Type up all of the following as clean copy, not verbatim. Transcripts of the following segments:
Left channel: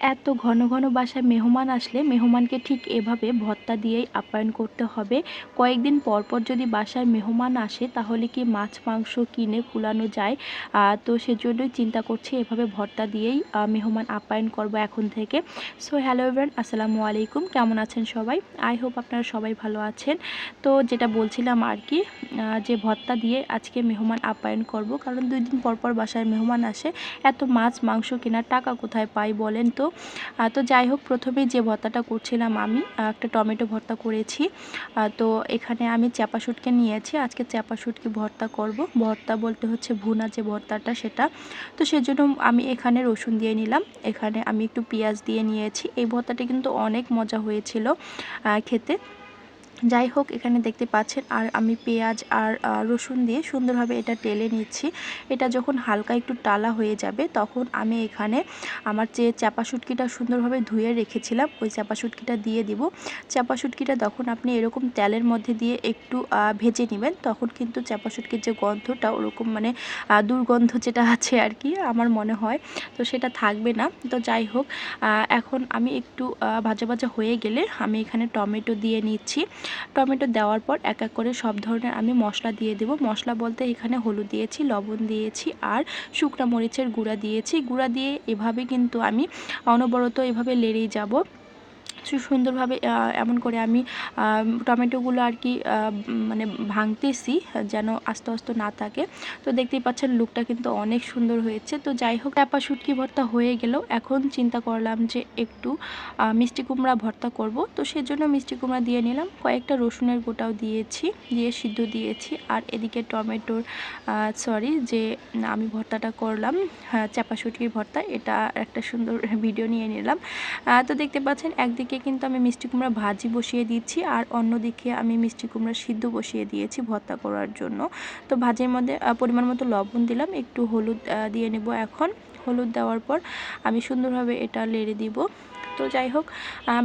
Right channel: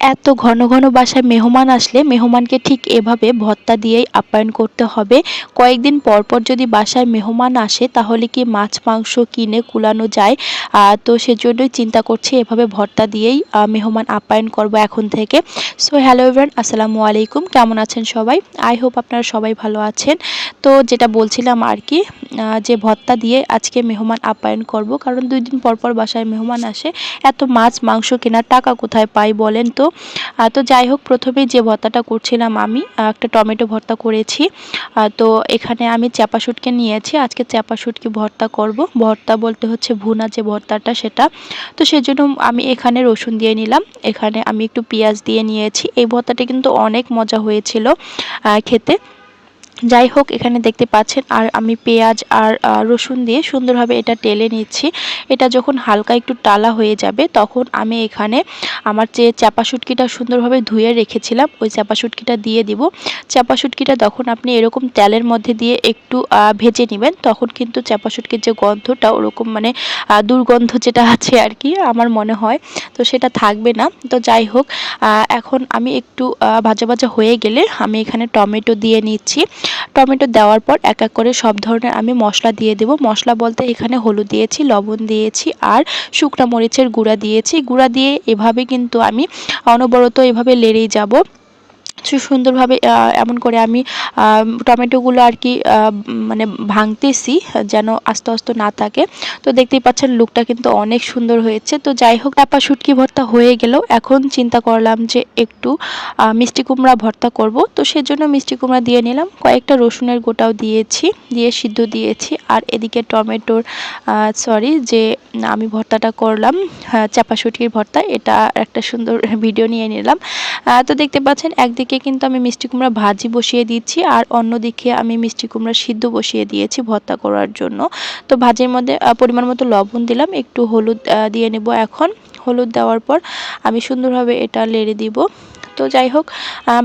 এত ঘন ঘন বাসায় মেহমান আসলে মেহমানকে ঠিক এভাবে ভর্তা দিয়েই আপ্যায়ন করতে হবে। কয়েকদিন পর পর যদি বাসায় মেহমান আসে তাহলে কি মাছ মাংস কিনে কুলানো যায়? তো সেজন্যই চিন্তা করছি এভাবে ভর্তা দিয়েই মেহমান আপ্যায়ন করব এখন থেকে। সো হ্যালো এভরিওয়ান, আসসালামু আলাইকুম। কেমন আছেন সবাই? আই হোপ আপনারা সবাই ভালো আছেন। তো যেটা বলছিলাম আর কি, যে ভর্তা দিয়ে আজকে মেহমান আপ্যায়ন করব, কারণ 2 দিন পর পর বাসায় মেহমান আসে। এত মাছ মাংস কেনার টাকা কোথায় পাই বলেন তো? তো যাই হোক, প্রথমেই যে ভর্তাটা করছিলাম আমি একটা টমেটো ভর্তা করেছি। তো এখানে আমি চাপা শুটকি নিয়েছি, আজকে চাপা শুটকি ভর্তা করব। ভর্তা বলতে হচ্ছে ভুনা যে ভর্তাটা সেটা। তো সেজন্য আমি এখানে রসুন দিয়ে নিলাম, এখানে আমি একটু পেঁয়াজ দিয়ে নিয়েছি। এই ভর্তাটা কিন্তু অনেক মজা হয়েছিল খেতে। যাই হোক, এখানে দেখতে পাচ্ছেন আর আমি পেঁয়াজ আর রসুন দিয়ে সুন্দরভাবে এটা টেলে নিচ্ছি। এটা যখন হালকা একটু টালা হয়ে যাবে তখন আমি এখানে আমার যে চাপা শুটকিটা সুন্দরভাবে ধুয়ে রেখেছিলাম ওই চাপা শুটকিটা দিয়ে দিব। চাপা শুটকিটা তখন আপনি এরকম তেলের মধ্যে দিয়ে একটু ভেজে নেবেন, তখন কিন্তু চাপা শুটকির যে গন্ধটা ওরকম মানে দুর্গন্ধ যেটা আছে আর কি আমার মনে হয়, তো সেটা থাকবে না। তো যাই হোক, এখন আমি একটু ভাজা ভাজা হয়ে গেলে আমি এখানে টমেটো দিয়ে নিচ্ছি। টমেটো দেওয়ার পর এক এক করে সব ধরনের আমি মশলা দিয়ে দেব। মশলা বলতে এখানে হলুদ দিয়েছি, লবণ দিয়েছি আর শুকনা মরিচের গুঁড়া দিয়েছি। গুঁড়া দিয়ে এভাবে কিন্তু আমি অনবরত এভাবে লেড়েই যাব সুন্দরভাবে। এমন করে আমি টমেটোগুলো আর কি মানে ভাঙতেছি যেন আস্তে আস্তে না থাকে। তো দেখতেই পাচ্ছেন লুকটা কিন্তু অনেক সুন্দর হয়েছে। তো যাই হোক, চাপা শুটকি ভর্তা হয়ে গেল। এখন চিন্তা করলাম যে একটু মিষ্টি কুমড়া ভর্তা করব। তো সেজন্য মিষ্টি কুমড়া দিয়ে নিলাম, কয়েকটা রসুনের গোটাও দিয়েছি, দিয়ে সিদ্ধ দিয়েছি। আর এদিকে টমেটোর যে আমি ভর্তাটা করলাম, চাপা শুটকির ভর্তা, এটা একটা সুন্দর ভিডিও নিয়ে নিলাম। তো দেখতে পাচ্ছেন একদিকে কিন্তু আমি মিষ্টি কুমড়া ভাজি বসিয়ে দিচ্ছি আর অন্যদিকে আমি মিষ্টি কুমড়া সিদ্ধ বসিয়ে দিয়েছি ভর্তা করার জন্য। তো ভাজির মধ্যে পরিমাণ মতো লবণ দিলাম, একটু হলুদ দিয়ে নেব। এখন হলুদ দেওয়ার পর আমি সুন্দরভাবে এটা লেড়ে দিব। তো যাই হোক,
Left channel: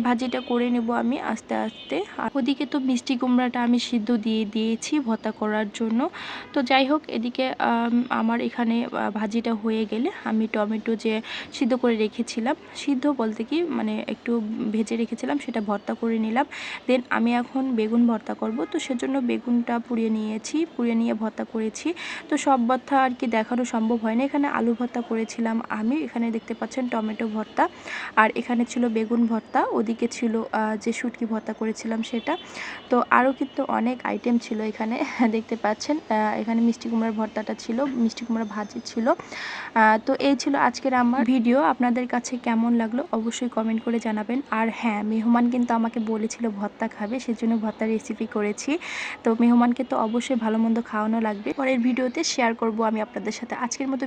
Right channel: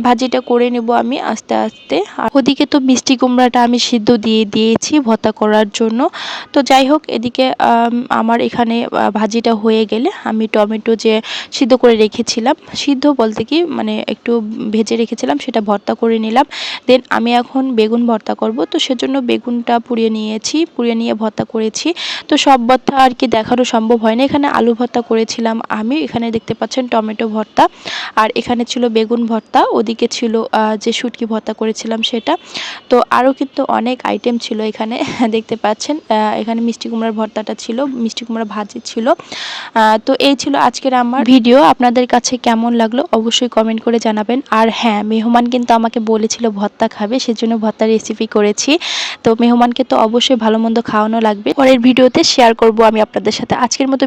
ভাজিটা করে নেব আমি আস্তে আস্তে। আর ওদিকে তো মিষ্টি কুমড়াটা আমি সিদ্ধ দিয়ে দিয়েছি ভর্তা করার জন্য। তো যাই হোক, এদিকে আমার এখানে ভাজিটা হয়ে গেলে আমি টমেটো যে সিদ্ধ করে রেখেছিলাম, সিদ্ধ বলতে কি মানে একটু ভেজে রেখেছিলাম, সেটা ভর্তা করে নিলাম। দেন আমি এখন বেগুন ভর্তা করব। তো সেজন্য বেগুনটা পুড়িয়ে নিয়েছি, পুড়িয়ে নিয়ে ভর্তা করেছি। তো সব ভর্তা আর কি দেখানো সম্ভব হয় না। এখানে আলু ভর্তা করেছিলাম আমি, এখানে দেখতে পাচ্ছেন টমেটো ভর্তা, আর এখানে ছিল বেগুন ভর্তা, ওদিকে ছিল যে শুটকি ভর্তা করেছিলাম সেটা। তো আরও কিন্তু অনেক আইটেম ছিল এখানে দেখতে পাচ্ছেন। এখানে মিষ্টি কুমড়ার ভর্তাটা ছিল, মিষ্টি কুমড়া ভাজি ছিল। তো এই ছিল আজকের আমার ভিডিও। আপনাদের কাছে কেমন লাগলো অবশ্যই কমেন্ট করে জানাবেন। আর হ্যাঁ, মেহমান কিন্তু আমাকে বলেছিল ভর্তা খাবে, সেজন্য ভর্তার রেসিপি করেছি। তো মেহমানকে তো অবশ্যই ভালো মন্দ খাওয়ানো লাগবে, পরের ভিডিওতে শেয়ার করব আমি আপনাদের সাথে। আজকের মতো